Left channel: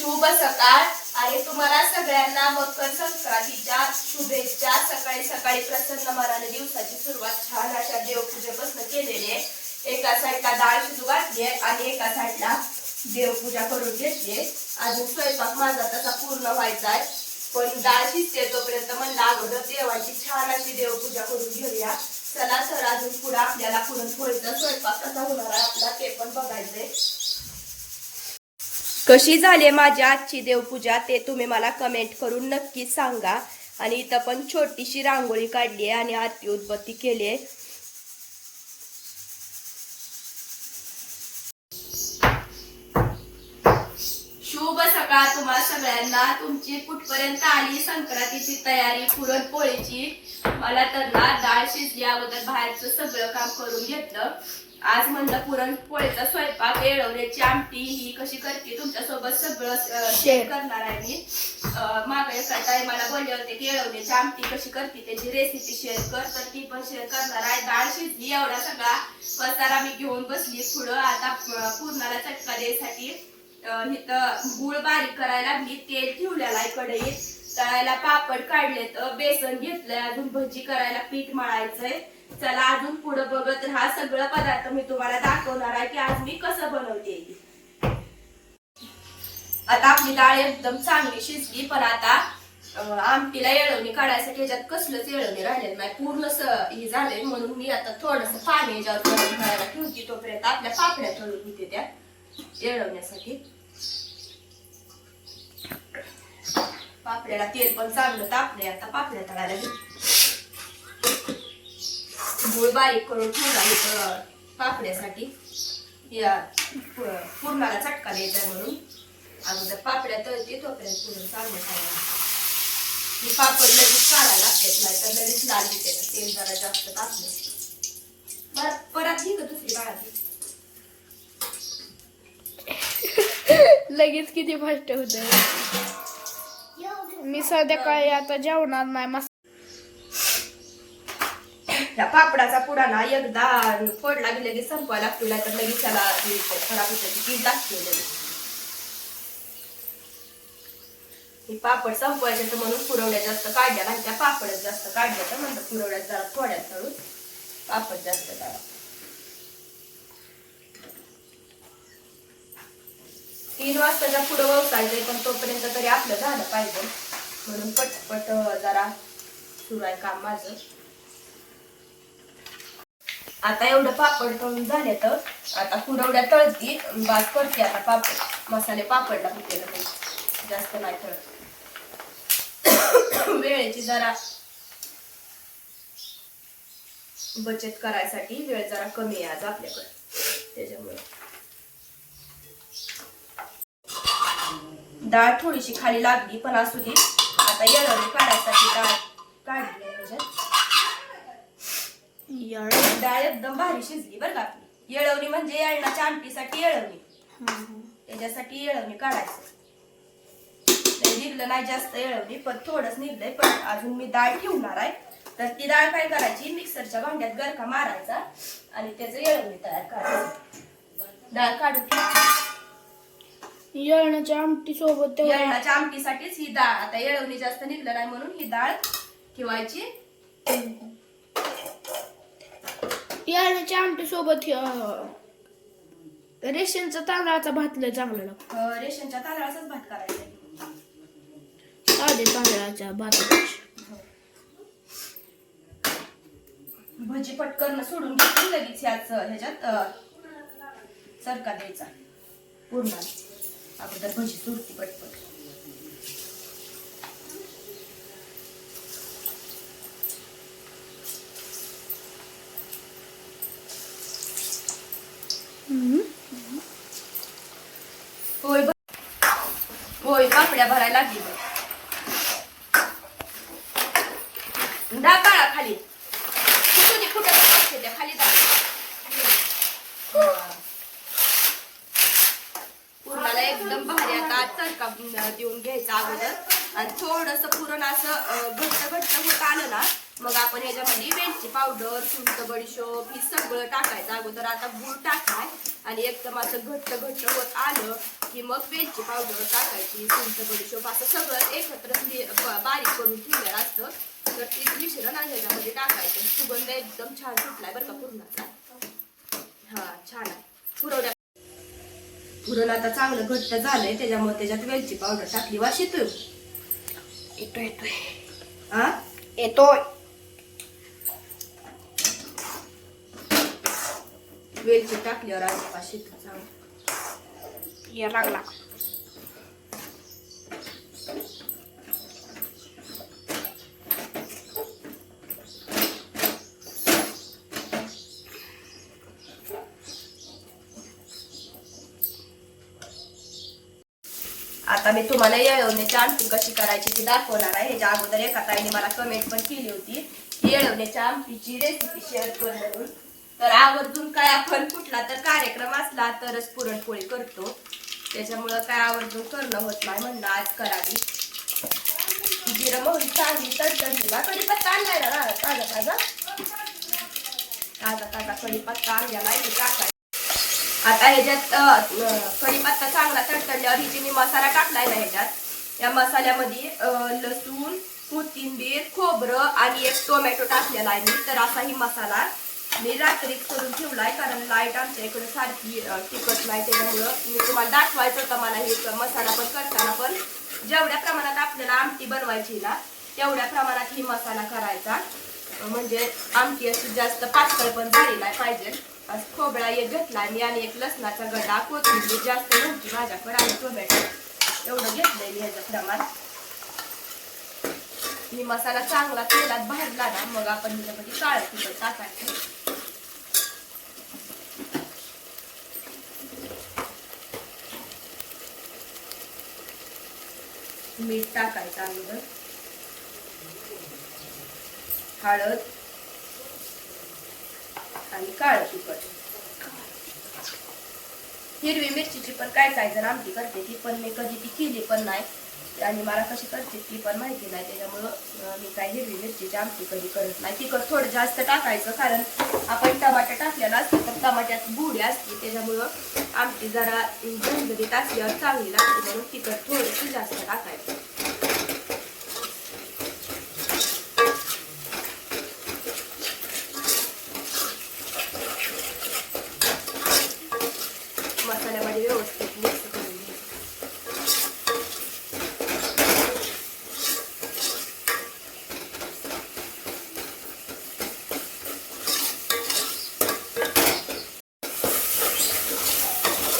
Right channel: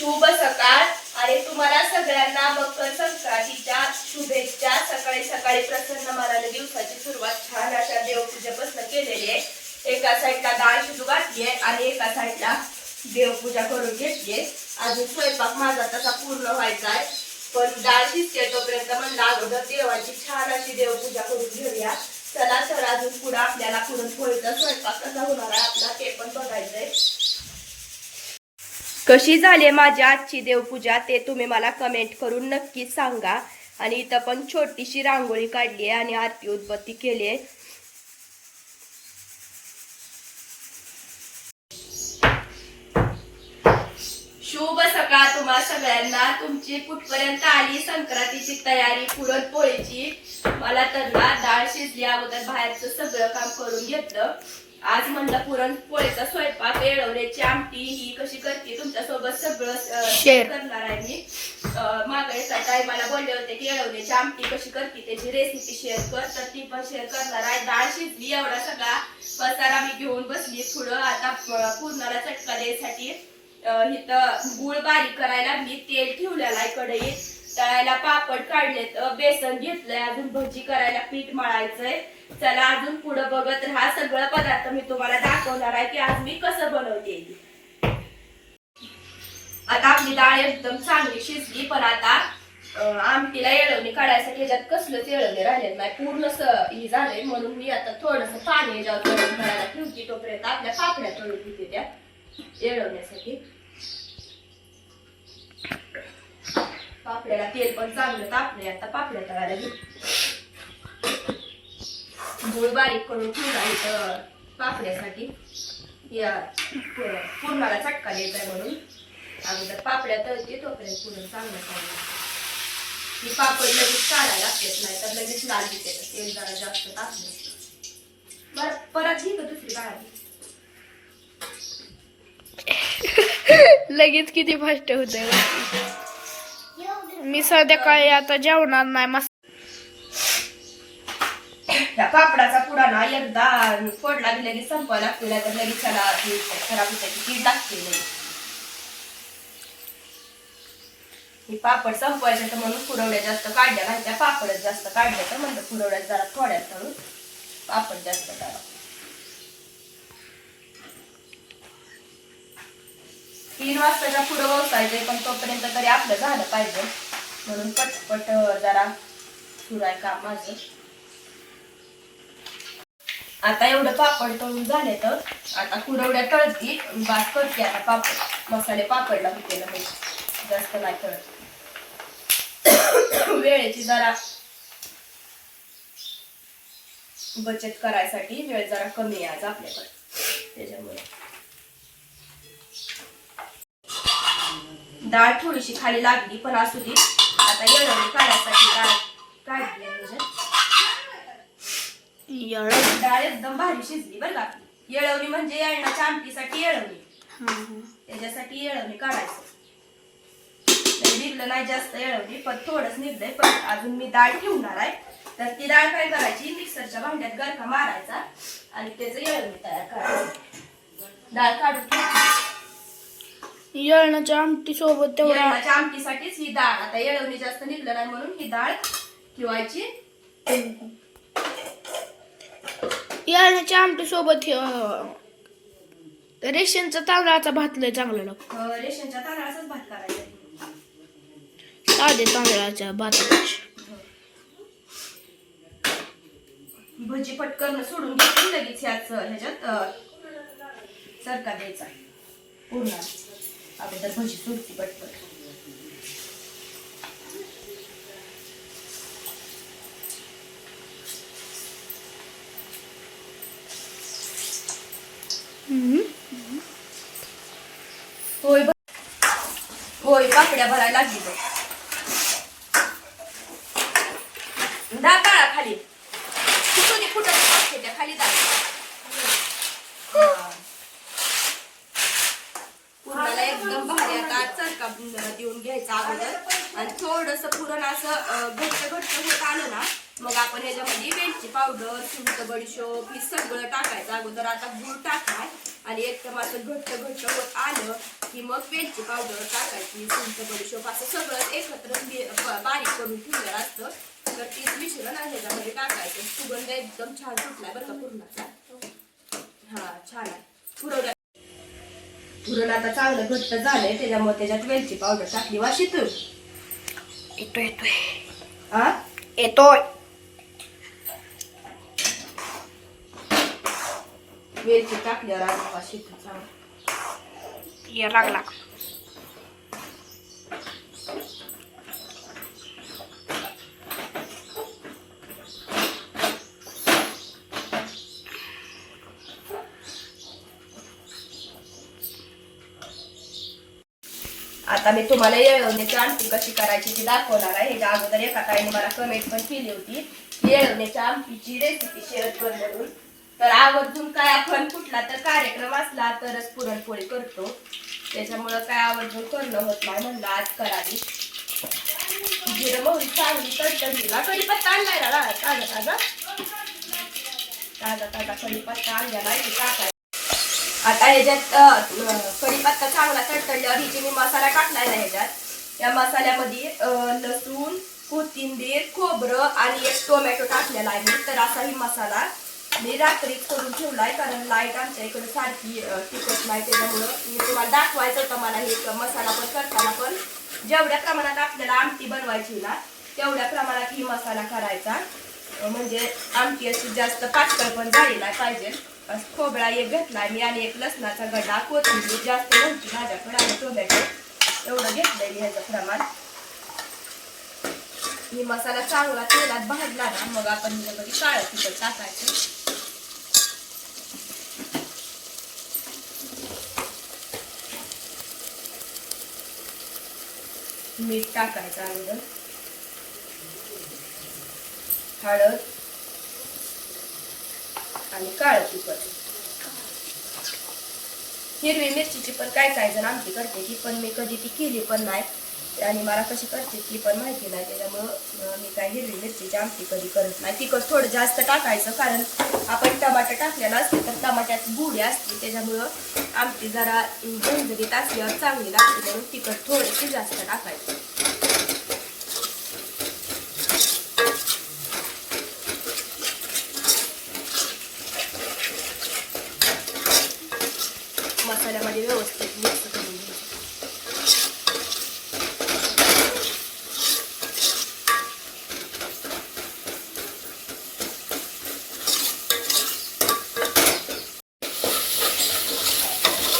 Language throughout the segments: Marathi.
शुभ सकाळ आणि तुम्हाला सगळ्यांना मकर संक्रांतीच्या शुभेच्छा। सकाळी सकाळी प्रसन्न मनाने दिवसाची सुरुवात छान अशा देवपूजेपासून केलेली आहे। एका साईडला डाळ शिजू घातली आहे आणि एका साईडला देवपूजा करून घेतली आहे। अजून स्वयंपाक माझा तसा पूर्ण व्हायचा आहे, पण डाळ शिजते तोपर्यंत म्हणलं अगोदर देवाची छान अशी देवपूजा करून घेऊया। चला तर अजून पुढे आपल्याला पुरणपोळीचा स्वयंपाक कसा होणार आहे आपला ते पण बघायचंय। कशी झाली माझी आजची देवपूजा ते तुम्ही मला कमेंट करून नक्की सांगा। आणि इथं पण छोटीशी रांगोळी काढली आहे आणि आरती उदबत्ती केली आहे। शुभ सकाळ तुम्हा सगळ्यांना। तुमची कुठपर्यंत आली संक्रांतीची तयारी पुरणपोळीची? मला तर ना डाळ शिजली अगोदर बाहेरचं सगळं काम करून घेतलं। आज म्हणलं पुरणपोळीचा स्वयंपाक, येळवण्याची आमटी ही कशी करते तुमच्यासोबत सगळं शेअर करणार आहे मी। मागे सकाळी मला बोलले होते की येळवण्याची आमटी कशी करते त्याची रेसिपी शेअर कर, तर ती पण शेअर करणार आहे। डाळ शिजली, एवढा सगळा पसारा मी घेऊन बसली पुढं। आता पुरणाला चटका द्यायसाठी इथं गुळ बारीक करायला मी तेल ठेवलेलं आहे कढईत। तळायला पापड काढलेत, बेसन घेतलंय, अजून भजी करायला पीठ मळायचंय। चला अजून पुढे बघत राहा, सगळं पदार्थ मी तुम्हाला दाखवणार आहे की आज मी कसं बनवते। आता आपली डाळ एकदम चांगली शिजली, पण आता आमटीला येळवणी काढायसाठी याच्यात कसलंच येळवणी राहिलेलं नाही, पूर्ण ही झालंय। म्हणून मी आता थोडस पाणी याच्यावर करायला ठेवते, तोपर्यंत आपल्या पापड्या तळून घेते त्या येळवण्यासाठी। पापड्याला तेल पण चांगलं तापलंय, आता पापड्या तळायला घेते। गुळ बारीक करून ठेवला इथं पापड्यासाठी, या पुरणाला चटका द्यायचा म्हणून। अगोदर पापड्या तळते तोपर्यंत पुरण चांगलं चांगलं ही पापड लगेच काढायला लागतात, नाही तर लगेच लाल दिसते तेल जरा जास्त टाकलं। परत घे दुसरी डाळ लगेच किती फास्ट होतंय। मी संध्याकाळी आता जेवणार नाही। त्या पापडाचा पुडा ना एकदा फोडला की लगेच संपवायला लागतो, नाही तर लगेच त्याला खराब होतं कीड लागते लगेच। ही पापड संपवायचं तर म्हणून पुरवड्या जास्त काढल्या नाही, त्या पापडच जास्त काढल्या तर म्हणलं पुरवड्यात जरा थोड्यात तळून पापड जास्त करा। 3 वाजताच्या पुढं वळसायचंय, पण तोपर्यंत तरी आपलं झालं पाहिजे म्हणून पटपट जरा सुरू आहे काम माझं। आता एवढं पापड तळून झाले तर आता कुरवड्या तळती, बात करते आता पापड मसाले पापडला होते ना जास्त नाही तळत। वेळेची जरा बचत करायसाठी वेळ जरा कमी आहे आज आपल्याकडे, त्याच्यामुळे डाळ थोडीशी खाली लागली पण असू दे। आता येळवणी काढायसाठी डाळ काढली आहे, डाळ एकदम भारी शिजली बरं का। येळवणी म्हणजे येळणाच्या आमटीसाठी येळवणी, त्याच्यासाठी येळवणी काढायचं। निघलं नाही जास्त येळवणी, पण थोडंच निघलंय, पण अजून मी डाळ ठेवणार आहे। तर ती डाळ काय करायची, मिक्सरच्या भांड्यात गरका मारायचा आणि त्याचं येळवणी तयार करायचं। डाळ काढून येळणाच्या आमटी सोबत येळणाच्या आमटीसाठीच ही डाळ, आता येळवणी जास्त निघलं नाही म्हणून ही डाळ ठेवायची। येळणाच्या आमटी सोबत रेशनचा तांदळाचा भात लय चांगला लागतो। रेशनच्या तांदळाचाच भात करायचा, साधे तांदळाच्या भातापेक्षा। भजी पटकन सोडून घेतली लगेच ह्याच्यात सरका द्यायचा पूर्ण, अगोदर भजी सुटती पटपट। होय होय पापड्या भरायला लागली डाळ काढा खाली, कुठं त्या खाली डाळ पुरणाला एकदम भारी आता चरका देऊन घ्यायचा अगोदर। आणि थोडस पुरण असं घट्ट घट्ट होत आलं ना मग आपण ह्याच्यामध्ये वेलची पावडर, सुंठ, बडीशोप हे सगळं टाकायचं. अगोदर आता गूळ टाकाय आणि एकदम असं घट्ट घट्ट होत आलं की मग वेलची पावडर टाकायची, सुंठ, बडीशोप असं सगळं एकत्र बारीक करून ठेवलेलं असतं. तर ते मिश्रण ह्याच्यामध्ये टाकायचं. सुगंध एकदम छान सुटलाय बरं का पुरणाचा. हा छान आहे. पुरण आता चांगलं घट्ट झालंय, त्याच्यामुळे त्याच्यात वेलची पावडर टाकली. वास येतोय येतोय हा येतोय. वेलची टाकल्यावर आज वास येतो चांगला. या लागला. आता मी तुम्हाला येळवण्याची आमटी कशी करायची ती दाखवणार आहे. ह्याच्या अगोदर एका ताईने मला कमेंट पण केली होती येळवण्याच्या आमटीची रेसिपी शेअर कर म्हणून. तर आवर्जून काय आपण कुठला तर कार्यक्रम असला तरच पुरणपोळी करतो, त्याच्यामुळं काय आवर्जून करणं होत नाही. म्हणलं आज करावी. जिरं मोहरी चांगली तडतडलीला कढीपत्ता आणलाय ना ताजा ताजा ताजा ताजा कढीपत्ता आणलेला आहे टाकाय. आता ह्याच्यात कढीपत्ता चांगला तडतडल्यावर हिची मी मसाला टाकलाय ना ह्याच्यात. त्या मसाल्यामध्ये लसूण, कोथिंबीर, खोबरं आणि एक टोमॅटो टाकलेला आहे मी. तर असा ही मसाला मी रात्री करून ठेवलाय, कारण लाईट आमच्या इकडे सारखी टिकत नाही. त्याच्यामुळं मी तुम्हाला दाखवायचं होतं मला हे मसाला पण करताना. पण जेवढ्या प्रमाणात आपल्याला आमटी बनवायची ना तेवढ्या प्रमाणात ही मसाला करायचा, म्हणजे आमटी अशी जास्त पातळ पण झाली नाही पाहिजे. खोबरा एक घेतलाय मी आणि एक लसणाचा गड्डा, कोथिंबीर जास्त नव्हती माझ्याकडे आणि टोमॅटो एवढं घेतलंय मी ह्याचं प्रमाण. मी मसाला चांगला तेलात भाजला ना मग आपण ह्याच्यामध्ये काळं तिखट टाकायचं. मीठ टाकायचं अगोदर, हळद आणि काळं तिखट. हिरवी मिरचीची पण काय काय जण आमटी करते ती, पण मी कधी ती केली पण नाही आणि मला कशी करते ती पण माहिती नाही. त्याच्यामुळं मी काय हिरवी मिरचीची आमटी कधी करत नाही. तिखट थोडं जास्त टाकायचं, कारण आपण टमाटर टाकलेला असते तर टमाट्यात गुढी असते, त्याच्यामुळं आमटी जरा झणझणीत असल्यावर चांगली लागते, म्हणून तिखट थोडीशी जास्त टाकायचं. मसाल्यामध्ये व्यवस्थित मिक्स करून घ्यायचं.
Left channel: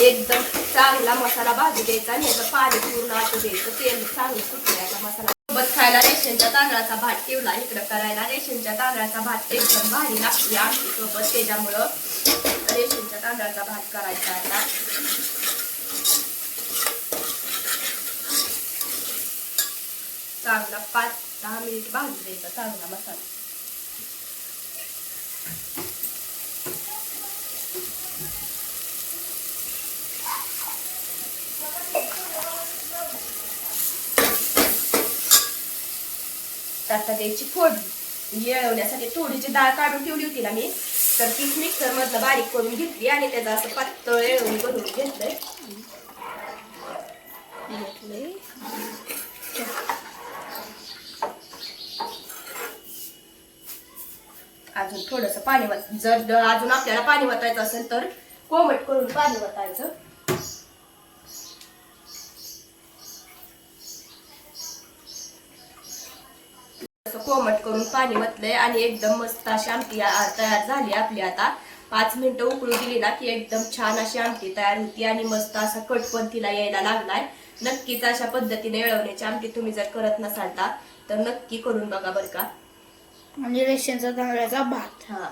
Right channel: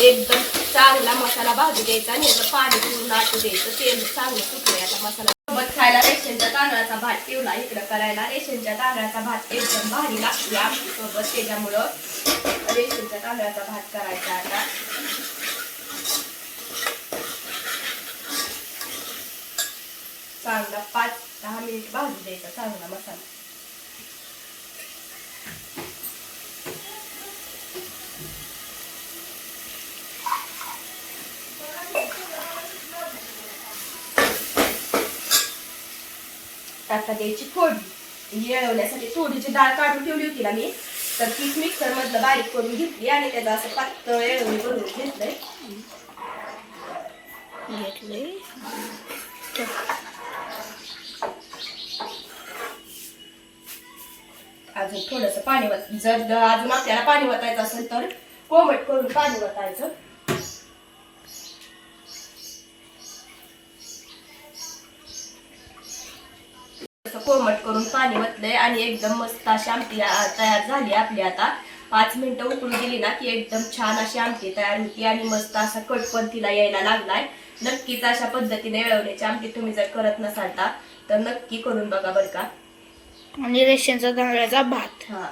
एकदम चांगला मसाला भाजू द्यायचा आणि याचं पाणी पूर्ण आटू द्यायचं. तेल चांगलं सुटलं याचा मसाला. सोबत खायला रेशनच्या तांदळाचा भात ठेवला इकडं करायला. रेशनच्या तांदळाचा भात एकदम भारी लागतो आमटी सोबत, त्याच्यामुळं रेशनच्या तांदळाचा भात करायचा. आता चांगला 5-10 मिनिट भाजू द्यायचा चांगला मसाला. आता द्यायची फोडणी. येळवण्यासाठी थोडीची डाळ काढून ठेवली होती ना मी, तर तीच मिक्सर मधलं बारीक करून घेतली आणि त्याचं असं पातळ येळवणी बनवून घेतलंय. अजून थोडस पाणी जर अजून आपल्याला पाणी वतायचं असेल तर कोमट करून पाणी वतायचं. कोमट करून पाणी वतलंय आणि एकदम मस्त अशी आमटी तयार झाली आपली. आता 5 मिनिटं उकळू दिली ना की एकदम छान अशी आमटी तयार होती आणि मस्त असा कट पण तिला यायला लागलाय. नक्कीच अशा पद्धतीने येळवण्याची आमटी तुम्ही जर करत नसाल तर नक्की करून बघा बरं का. आणि रेशनचा तांदळाचा भात. हा,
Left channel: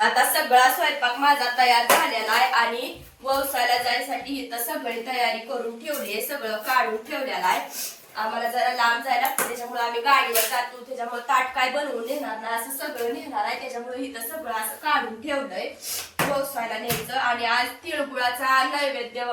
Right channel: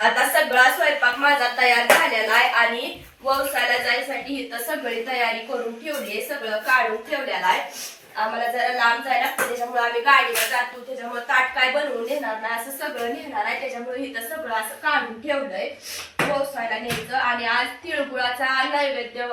आता सगळा स्वयंपाक माझा तयार झालेला आहे आणि व्यवसायाला जायसाठी इथं सगळी तयारी करून ठेवली आहे, सगळं काढून ठेवलेलं आहे. आम्हाला जरा लांब जायला लागतं, त्याच्यामुळे आम्ही गाडीला जातो. त्याच्यामुळे ताट काय बनवून नेणार नाही, असं सगळं नेणार आहे. त्याच्यामुळे इथं सगळं असं काढून ठेवलंय व्यवसायाला न्यायचं. आणि आज तिळगुळाचा नैवेद्य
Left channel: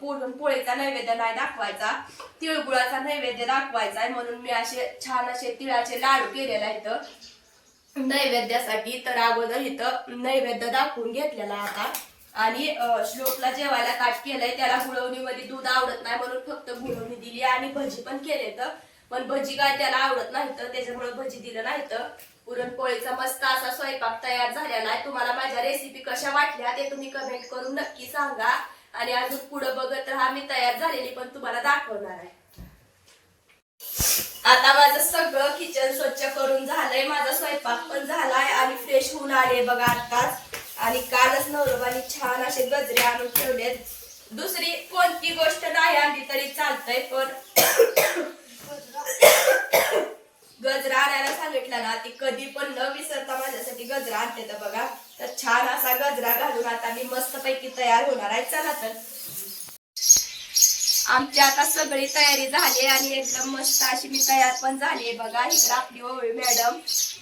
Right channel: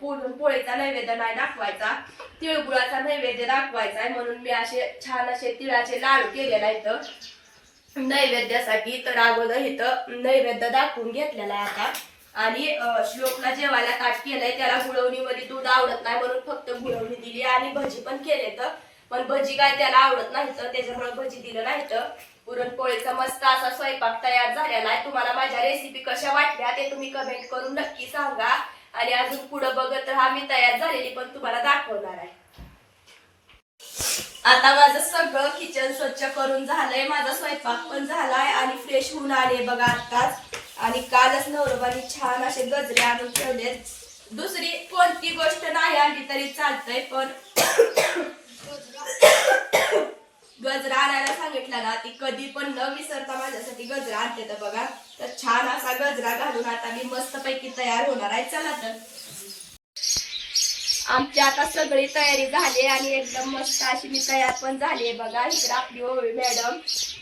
पुरणपोळीचा नैवेद्य नाही दाखवायचा, तिळगुळाचा नैवेद्य दाखवायचा आहे. म्हणून मी असे छान असे तिळाचे लाडू केलेला इथं नैवेद्यासाठी. तर अगोदर इथं नैवेद्य दाखवून घेतलेला आहे आता. आणि श्लोकला जेवायला ताट केलंय, त्याला गुळवणीमध्ये दूध आवडत नाही म्हणून फक्त गुळवणी दिली. आणि भजी पण केले तर, पण भजी काय त्याला आवडत नाही तर त्याच्यामुळे भजी दिलं नाही. तर पुरणपोळीचा मस्त असा स्वयंपाक तयार झालेला आहे. तुम्हाला माझ्या रेसिपी कशा वाटल्या ते तुम्ही कमेंट करून नक्की सांगा. आणि अजून पुढे बघत राहा, मी तयार झालेली पण तुम्हाला दाखवणार आहे. आता माझं सगळं किचन स्वच्छ करून झालंय, माझा स्वयंपाक पण झालाय आणि फ्रेश होऊन आले बघा आताच. आणि कालच नवरोबानी छान असे गजरे आणून ठेवलेत. दुसरी कोणती गोष्ट नाही आणली तरी चालतंय, पण गजरा आणायला सांगितलं ना, ती कधी पण न विसरता माझ्यासाठी गजरा आणते. तर बघा, तर छान असा गजरा घालून आता मी मस्तपैकी तयार होणार आहे. चला तर आमची आता सगळी तयारी झाली आणि एकदम मस्त अशी मी तयार पण झाली बघा. इकडे आपली ओवी मॅडम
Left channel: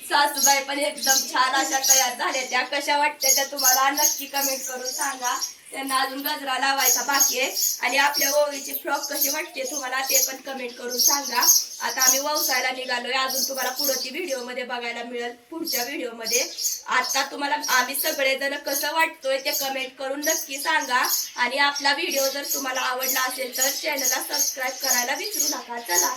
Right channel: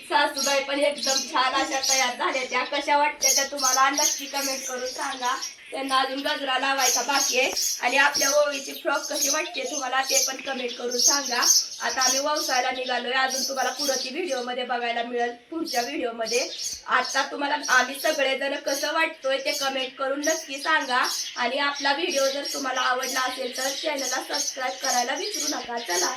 सासूबाई पण एकदम छान अशा तयार झाल्या. त्या कशा वाटत्या त्या तुम्हाला नक्की कमेंट करून सांगा. त्यांना अजून गजरा लावायचा बाकी आहे. आणि आपल्या ओवीची फ्रॉक कशी वाटते तुम्हाला ते पण कमेंट करून सांगा. आता आम्ही व्यवसायाला निघालोय, अजून तुम्हाला पुढची व्हिडिओ मध्ये बघायला मिळेल पुढच्या व्हिडिओ मध्ये. आता तुम्हाला आम्ही सगळेजण कसं वाटतोय ते कमेंट करून नक्की सांगा. आणि आपला व्हिडिओ जर तुम्हाला आवडला असेल तर चॅनलला सबस्क्राईब करायला विसरू नका. चला.